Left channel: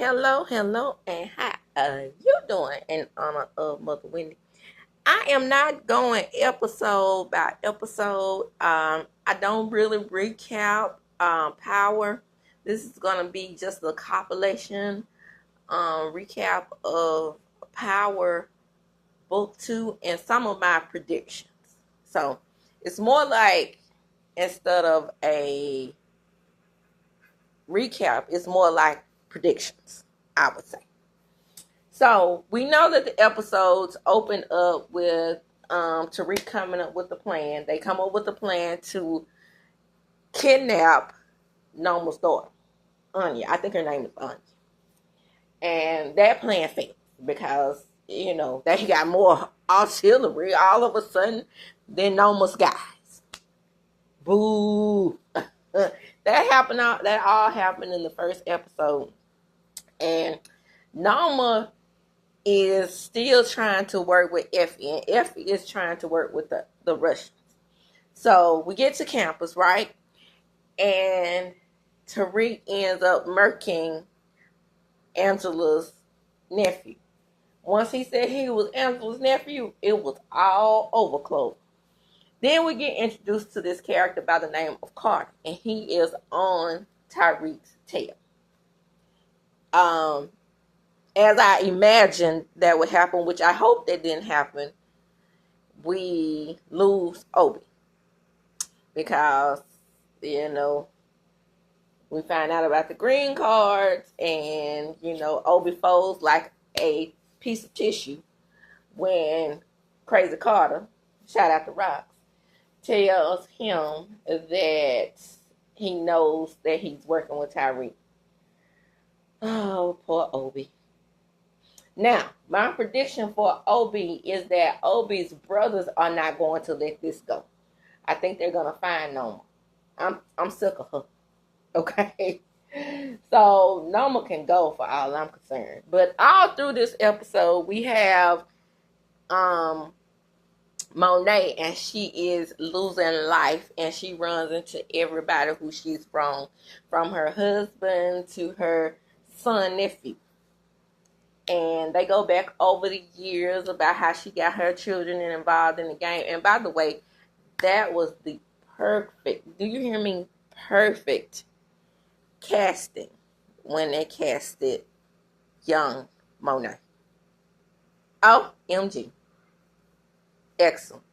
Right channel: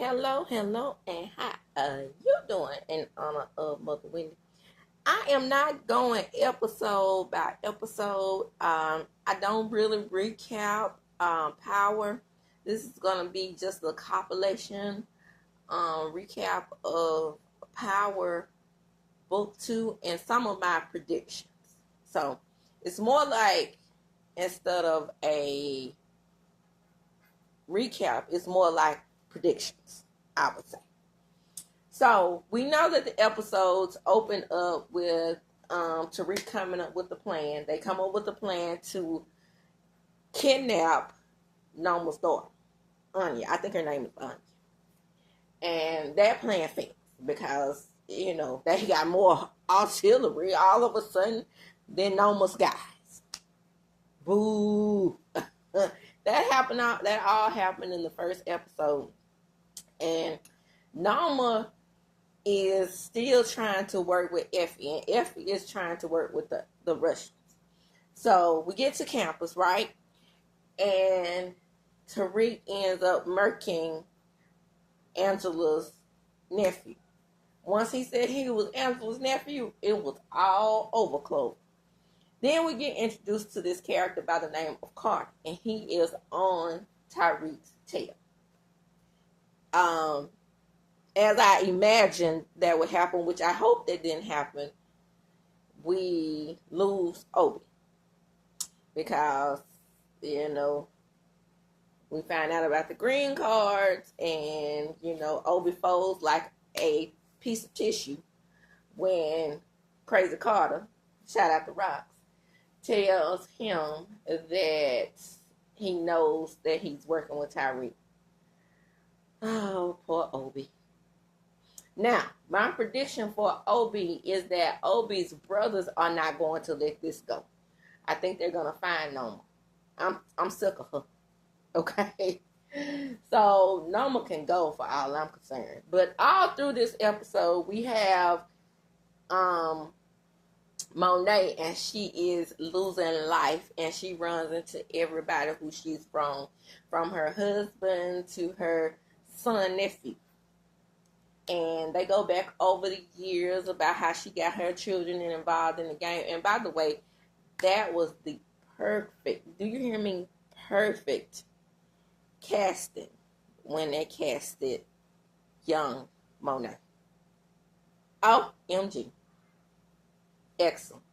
Hello, hello, and how are you doing in honor of Mother Wendy? I am not going episode by episode. I don't really recap Power. This is going to be just a compilation recap of Power Book 2 and some of my predictions. So it's more like instead of a recap, it's more like predictions, I would say. So we know that the episodes open up with Tariq coming up with the plan. They come up with the plan to kidnap Noma's daughter, Anya. I think her name is Anya. And that plan fails because, they got more artillery all of a sudden than Noma's guys. Boo. That all happened in the first episode. And Noma is still trying to work with Effie, and Effie is trying to work with the Russians. So we get to campus, right? And Tariq ends up murking Angela's nephew. Once he said he was Angela's nephew, it was all over Clover. Then we get introduced to this character by the name of Carter, and he is on Tariq's tail. As I imagined that would happen, which I hope that didn't happen, we lose Obi. Because, we find out about the green cards and, Obi folds like a piece of tissue when Crazy Carter, shout out to Rocks, tells him that he knows that he's working with Tariq. Oh, poor Obi. Now, my prediction for Obi is that Obi's brothers are not going to let this go. I think they're going to find Noma. I'm sick of her. Okay? So, Noma can go for all I'm concerned. But all through this episode, we have Monet, and she is losing life, and she runs into everybody who she's from her husband to her son, nephew. And they go back over the years about how she got her children involved in the game. And by the way, that was the perfect, do you hear me? Perfect casting when they casted young Monet. OMG. Excellent.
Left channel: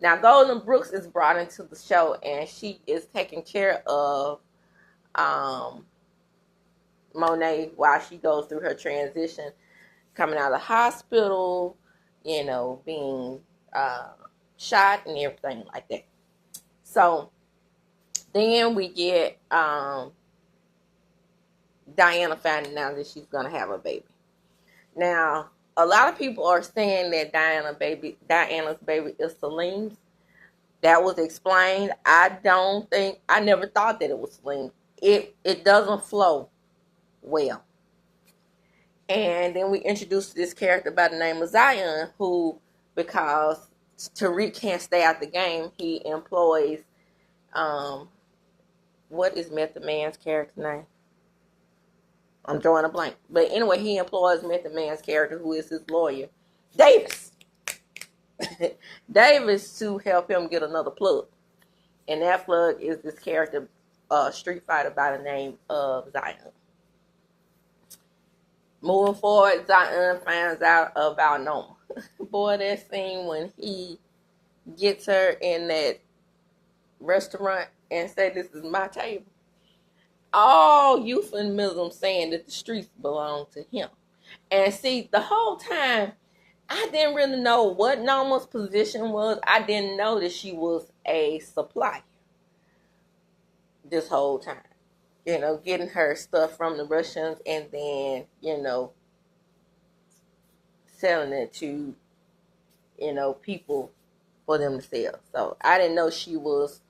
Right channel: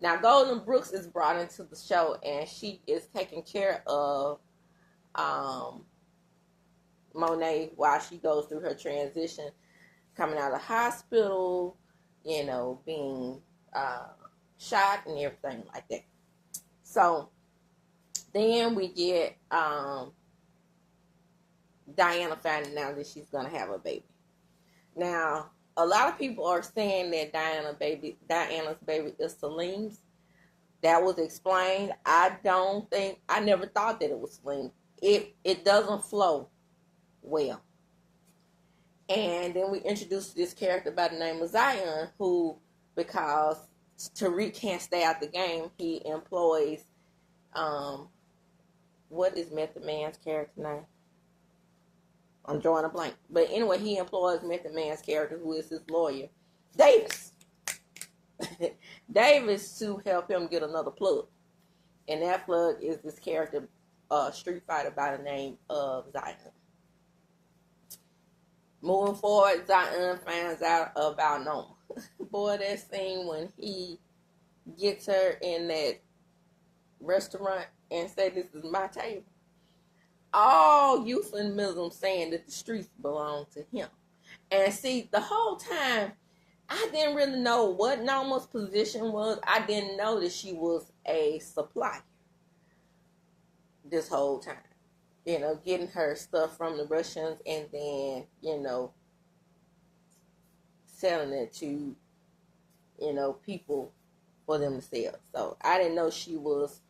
Now, Golden Brooks is brought into the show, and she is taking care of Monet while she goes through her transition, coming out of the hospital, being shot and everything like that. So then we get Diana finding out that she's going to have a baby. Now, a lot of people are saying that Diana's baby is Celine's. That was explained. I never thought that it was Celine. It doesn't flow well. And then we introduced this character by the name of Zion, who, because Tariq can't stay out the game, he employs, what is Method Man's character name? I'm drawing a blank. But anyway, he employs Method Man's character, who is his lawyer, Davis. Davis, to help him get another plug. And that plug is this character, street fighter by the name of Zion. Moving forward, Zion finds out about Noma. Boy, that scene when he gets her in that restaurant and say, "This is my table." All euphemism saying that the streets belong to him. And see, the whole time, I didn't really know what Noma's position was. I didn't know that she was a supplier this whole time. Getting her stuff from the Russians and then, selling it to, people for them to sell. So I didn't know she was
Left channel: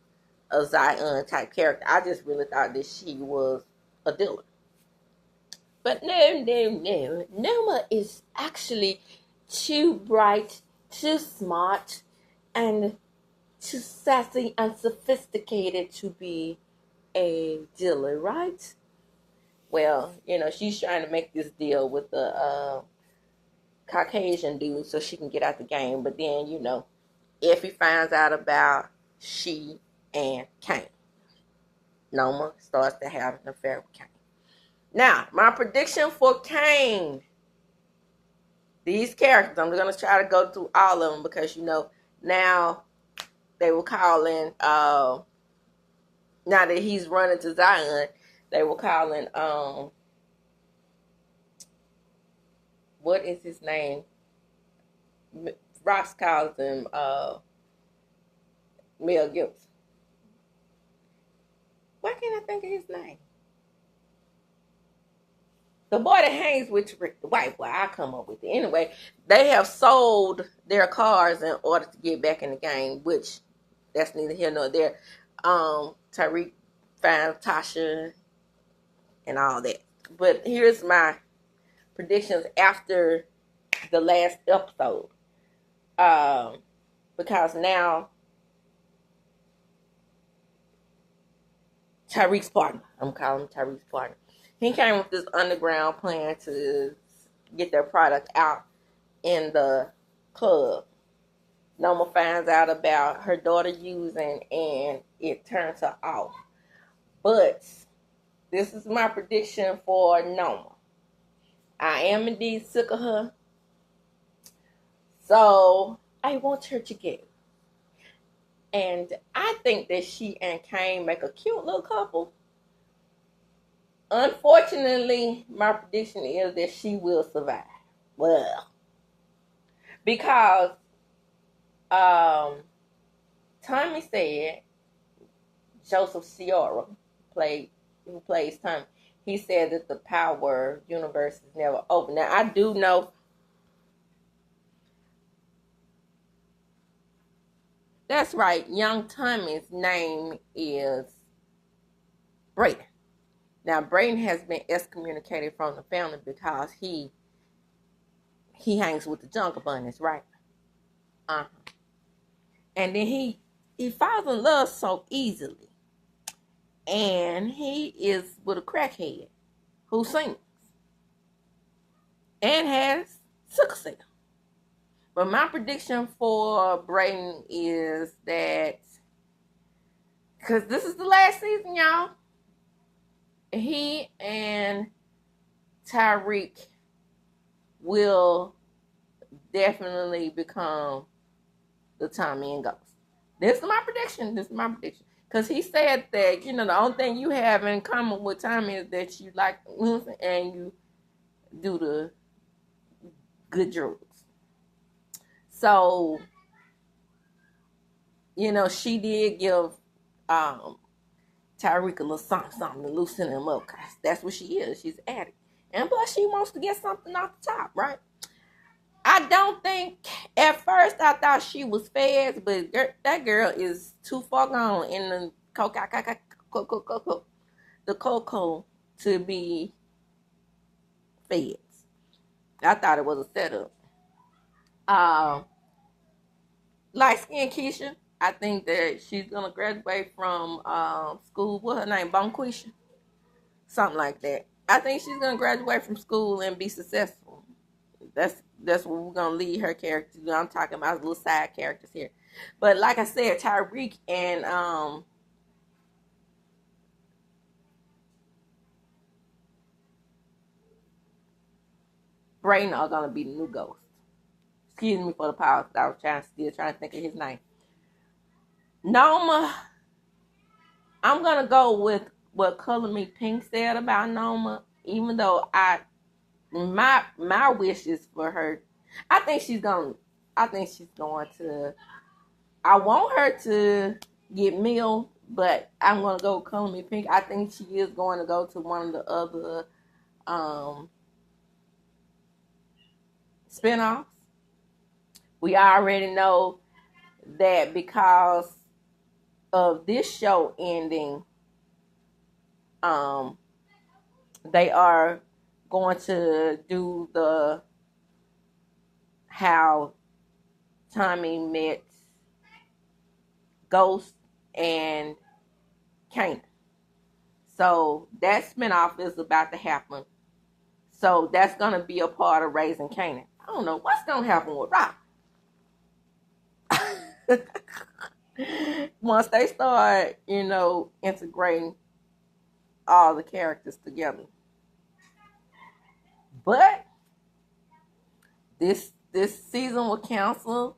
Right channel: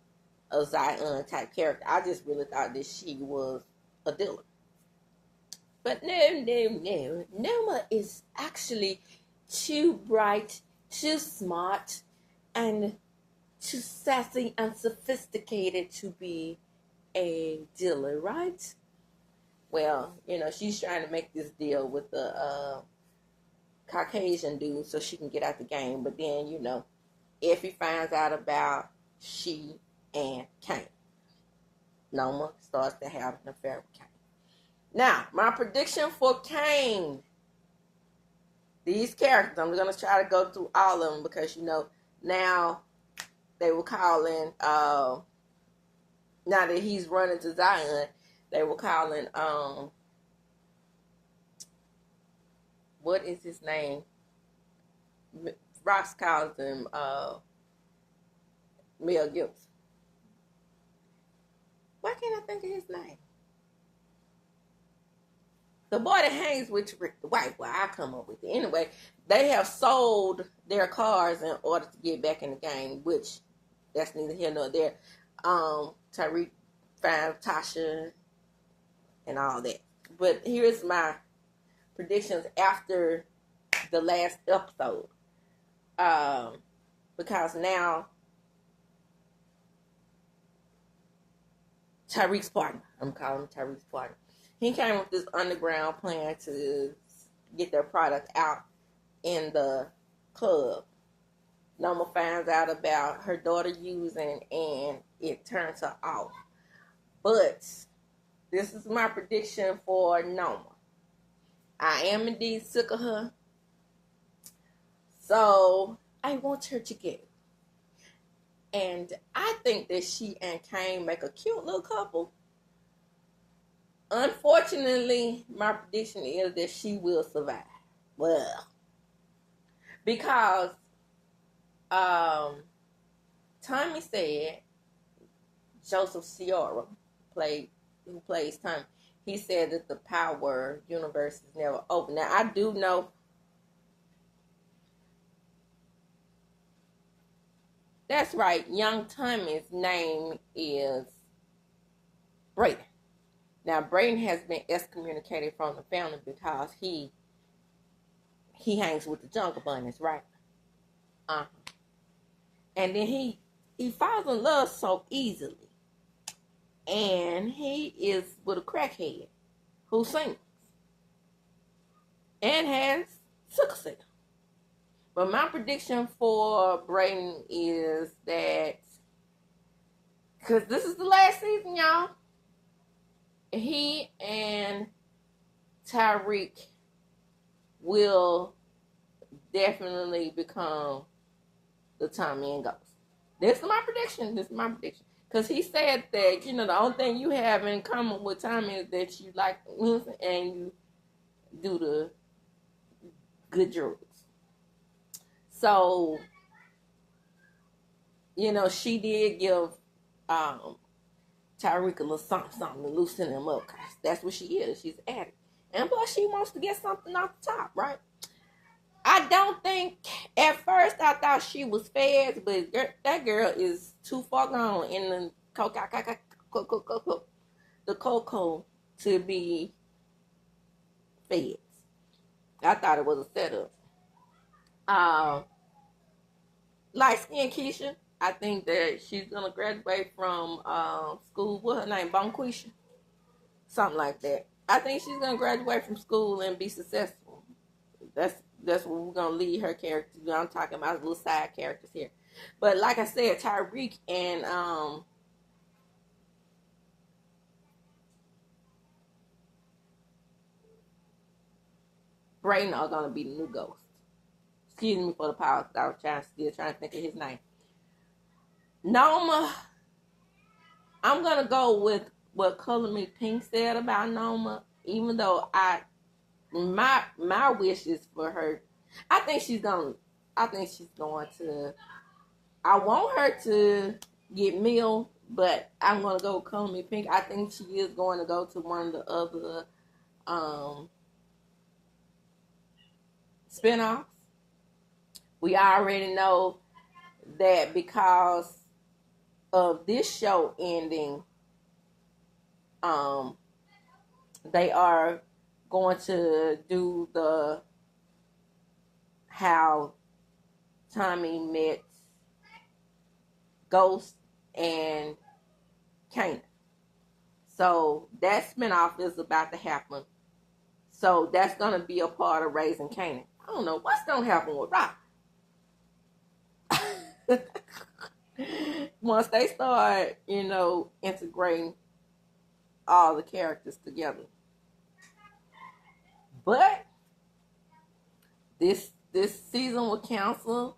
a Zion type character. I just really thought that she was a dealer. But no. Noma is actually too bright, too smart, and too sassy and sophisticated to be a dealer, right? Well, she's trying to make this deal with the Caucasian dude so she can get out the game. But then, Effie finds out about she and Kane. Noma starts to have an affair with Kane. Now, my prediction for Kane, these characters, I'm going to try to go through all of them because, now they were calling, now that he's running to Zion, they were calling, what is his name? Ross calls him Mel Gibson. Why can't I think of his name? The boy that hangs with Rick the White. Well, I'll come up with it. Anyway, they have sold their cars in order to get back in the game, which that's neither here nor there. Tariq finds Tasha and all that. But here's my predictions after the last episode. Because now Tariq's partner, I'm calling him Tariq's partner, he came with this underground plan to get their product out in the club. Noma finds out about her daughter using, and it turns her off. But this is my prediction for Noma. I am indeed sick of her. So I want her to get. And I think that she and Kane make a cute little couple. Unfortunately, my prediction is that she will survive. Well, because Tommy said, Joseph Ciora who plays Tommy, he said that the power universe is never open. Now, I do know that's right, young Tommy's name is Brayden. Now, Brayden has been excommunicated from the family because he hangs with the Jungle Bunnies, right? Uh-huh. And then he falls in love so easily. And he is with a crackhead who sings and has sickle cell. But my prediction for Brayden is that, because this is the last season, y'all, he and Tariq will definitely become the Tommy and Ghost. This is my prediction. Because he said that, the only thing you have in common with Tommy is that you like music and you do the good drugs. So, she did give Tariq a little something to loosen him up, because that's what she is. She's an addict. And plus, she wants to get something off the top, right? I don't think, at first, I thought she was feds, but that girl is too far gone in the cocoa to be feds. I thought it was a setup. Light skin Keisha, I think that she's gonna graduate from school. What's her name? Bonquisha? Something like that. I think she's gonna graduate from school and be successful. That's what we're gonna lead her character. I'm talking about little side characters here. But like I said, Tariq and Brayden are gonna be the new Ghost. Excuse me for the pause. I was still trying to think of his name. Noma, I'm gonna go with what Color Me Pink said about Noma, even though my wish is for her. I think she's going to. I want her to get Mill, but I'm gonna go with Color Me Pink. I think she is going to go to one of the other spinoffs. We already know that because of this show ending, they are going to do the how Tommy met Ghost and Kane. So that spinoff is about to happen. So that's gonna be a part of Raising Kanan. I don't know what's gonna happen with Rock. Once they start, integrating all the characters together. But this season with Council,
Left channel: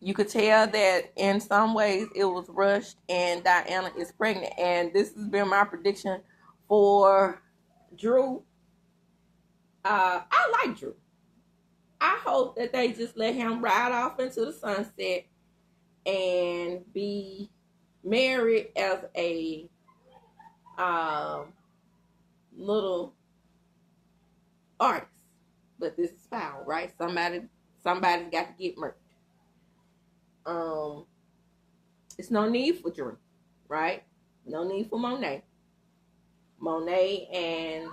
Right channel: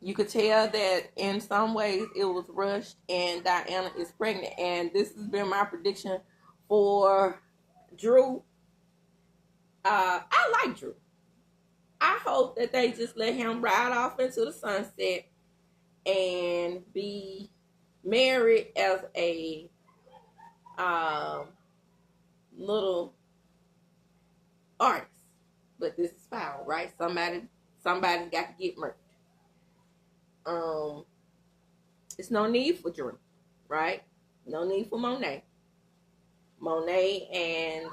you could tell that in some ways it was rushed, and Diana is pregnant. And this has been my prediction for Drew. I like Drew. I hope that they just let him ride off into the sunset and be married as a little artist. But this is foul, right? Somebody's got to get murdered. It's no need for Drew, right? No need for Monet. Monet and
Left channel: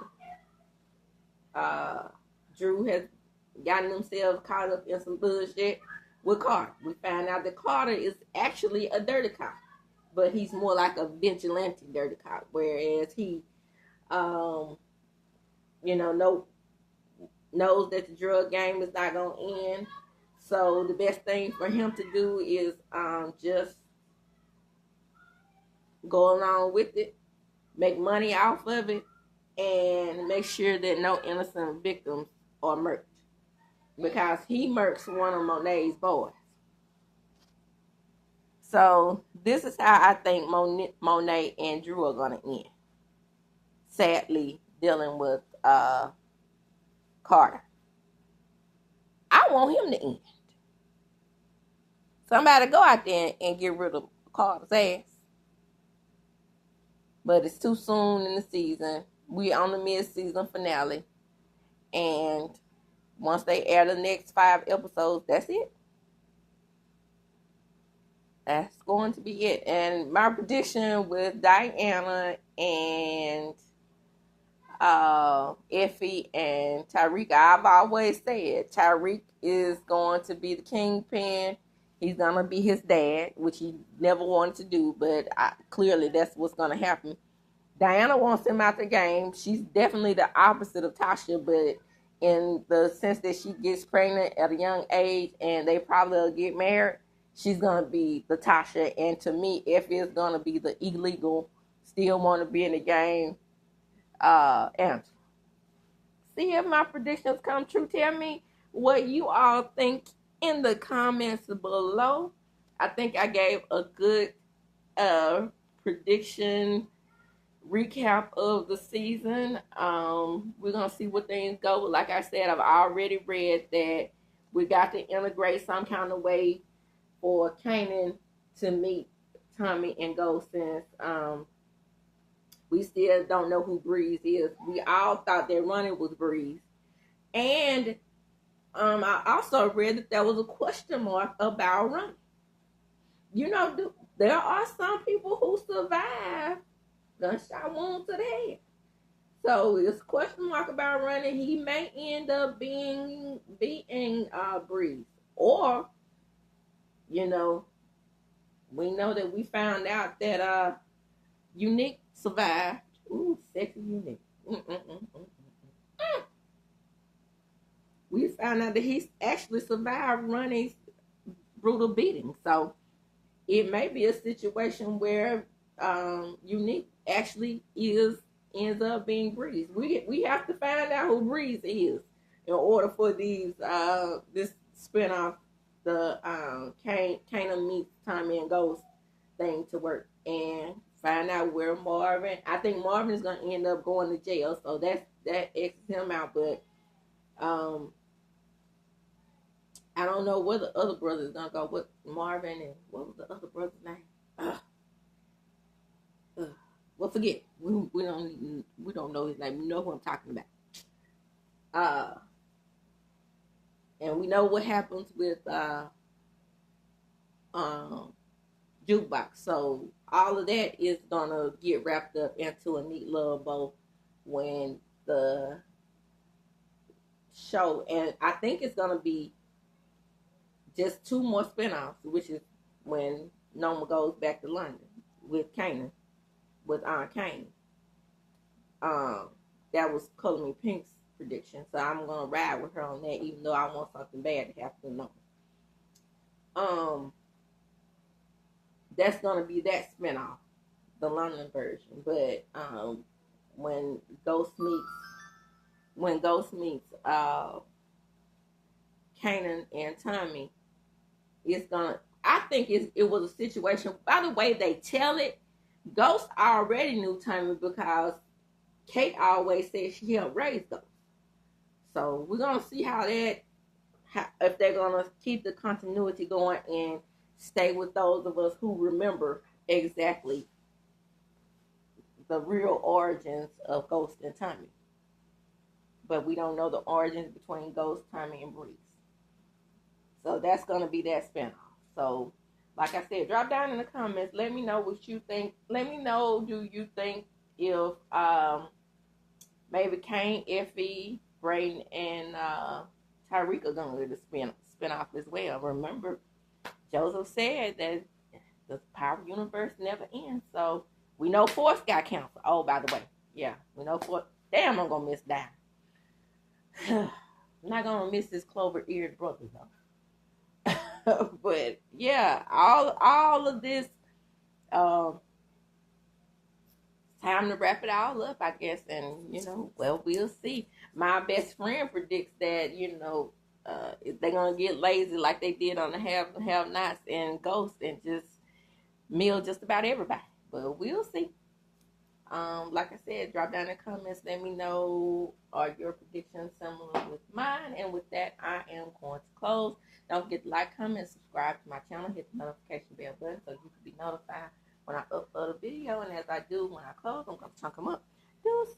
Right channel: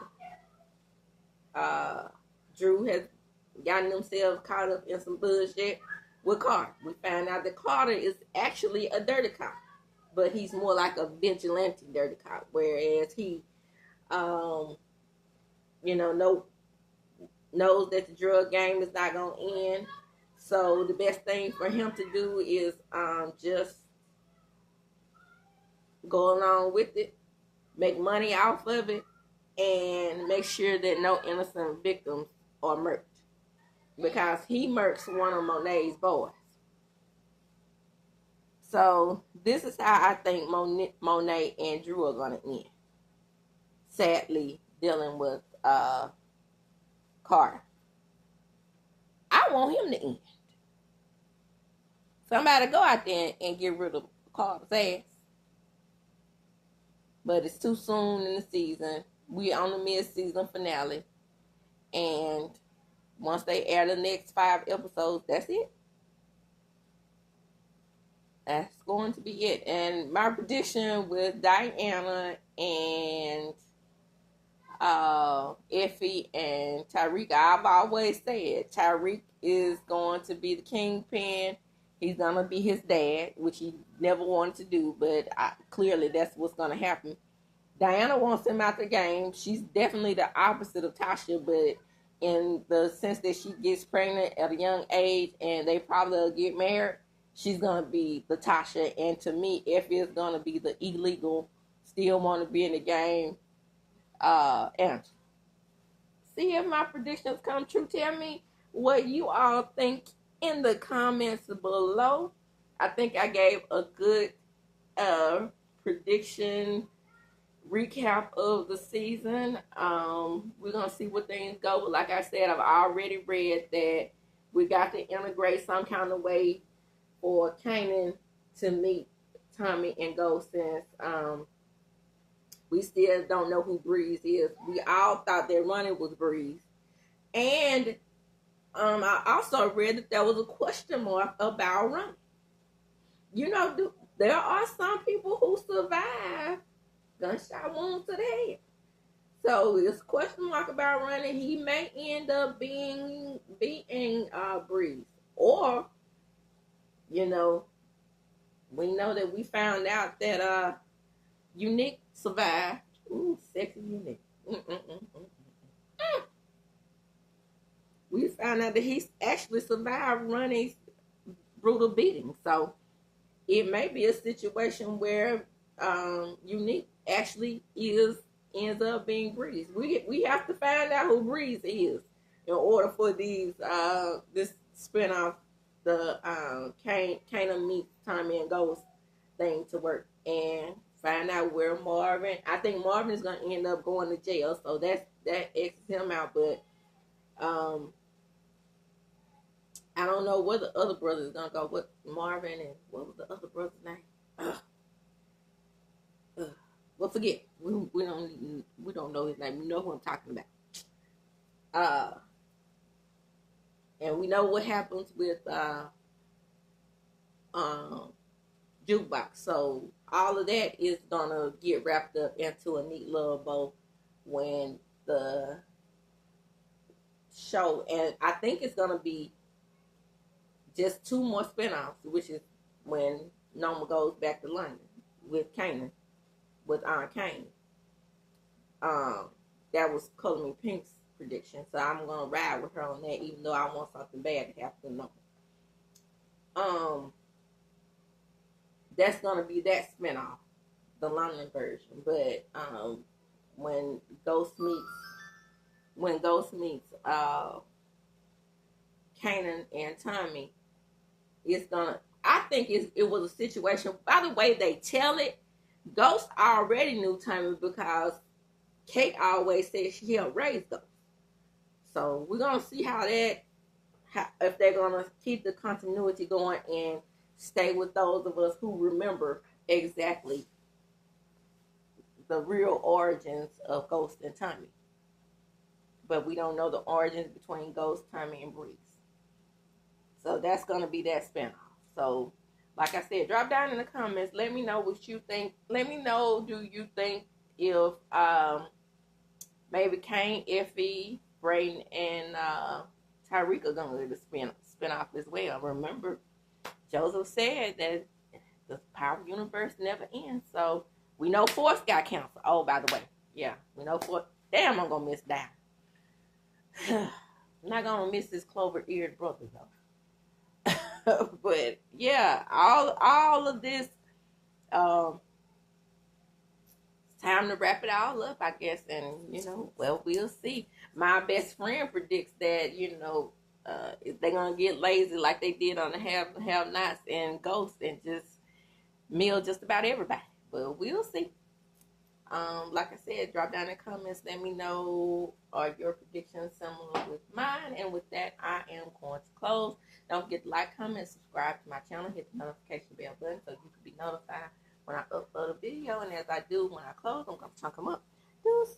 Drew has gotten themselves caught up in some bullshit with Carter. We found out that Carter is actually a dirty cop, but he's more like a vigilante dirty cop, whereas he, knows that the drug game is not going to end. So the best thing for him to do is just go along with it, make money off of it, and make sure that no innocent victims are murked. Because he murks one of Monet's boys. So this is how I think Monet and Drew are going to end. Sadly, dealing with Carter. I want him to end. Somebody go out there and get rid of Carter's ass. But it's too soon in the season. We're on the mid-season finale. And once they air the next 5 episodes, that's it. That's going to be it. And my prediction with Diana and Effie and Tariq, I've always said Tariq is going to be the kingpin. He's going to be his dad, which he never wanted to do, but clearly that's what's going to happen. Diana wants him out the game. She's definitely the opposite of Tasha, but in the sense that she gets pregnant at a young age and they probably will get married, she's going to be the Tasha. And to me, Effie is going to be the illegal, still want to be in the game, and see if my predictions come true. Tell me what you all think in the comments below. I think I gave a good prediction recap of the season. We're gonna see what things go. Like I said, I've already read that we got to integrate some kind of way for Kanan to meet Tommy and Ghost, since we still don't know who Breeze is. We all thought that Ronnie was Breeze. And I also read that there was a question mark about Ronnie. There are some people who survive gunshot wounds to the head. So it's a question mark about Ronnie. He may end up being Breeze. Or, we know that we found out that Unique survived. Ooh, sexy Unique. We found out that he actually survived Ronnie's brutal beating. So it may be a situation where Unique actually ends up being Breeze. We have to find out who Breeze is in order for this spinoff, the Kanan meets Tommy and Ghost thing to work, and find out where Marvin. I think Marvin is gonna end up going to jail, so that X's him out. But I don't know where the other brother is gonna go. What Marvin and what was the other brother's name? Well, forget. We don't know his name. We know who I'm talking about. And we know what happens with Jukebox. So all of that is gonna get wrapped up into a neat little bow when the show, and I think it's gonna be just 2 more spinoffs, which is when Noma goes back to London with Kanan, with Aunt Kane. That was Color Me Pink's prediction. So I'm gonna ride with her on that, even though I want something bad to happen to Nova. That's gonna be that spinoff, the London version. But when Ghost meets when Ghost meets Kanan and Tommy, it's gonna. I think it was a situation. By the way they tell it, Ghost already knew Tommy because Kate always said she helped raise Ghost. So we're gonna see if they're gonna keep the continuity going and stay with those of us who remember exactly the real origins of Ghost and Tommy. But we don't know the origins between Ghost, Tommy, and Breeze. So that's gonna be that spinoff. So, like I said, drop down in the comments. Let me know what you think. Let me know, do you think if maybe Kane, Effie, Brayden, and Tyreek are gonna do the spin off as well. Remember, Joseph said that the Power Universe never ends. So we know Force got canceled. Oh, by the way, yeah, we know Force. Damn, I'm gonna miss that. I'm not gonna miss this clover-eared brother though. But yeah, all of this. Time to wrap it all up, I guess, and well, we'll see. My best friend predicts that they're gonna get lazy like they did on the have nots and Ghosts and just meal just about everybody. But we'll see. Like I said, drop down in the comments. Let me know, are your predictions similar with mine? And with that, I am going to close. Don't forget to like, comment, subscribe to my channel. Hit the notification bell button so you can be notified when I upload a video. And as I do when I close, I'm going to chunk them up. Deuces.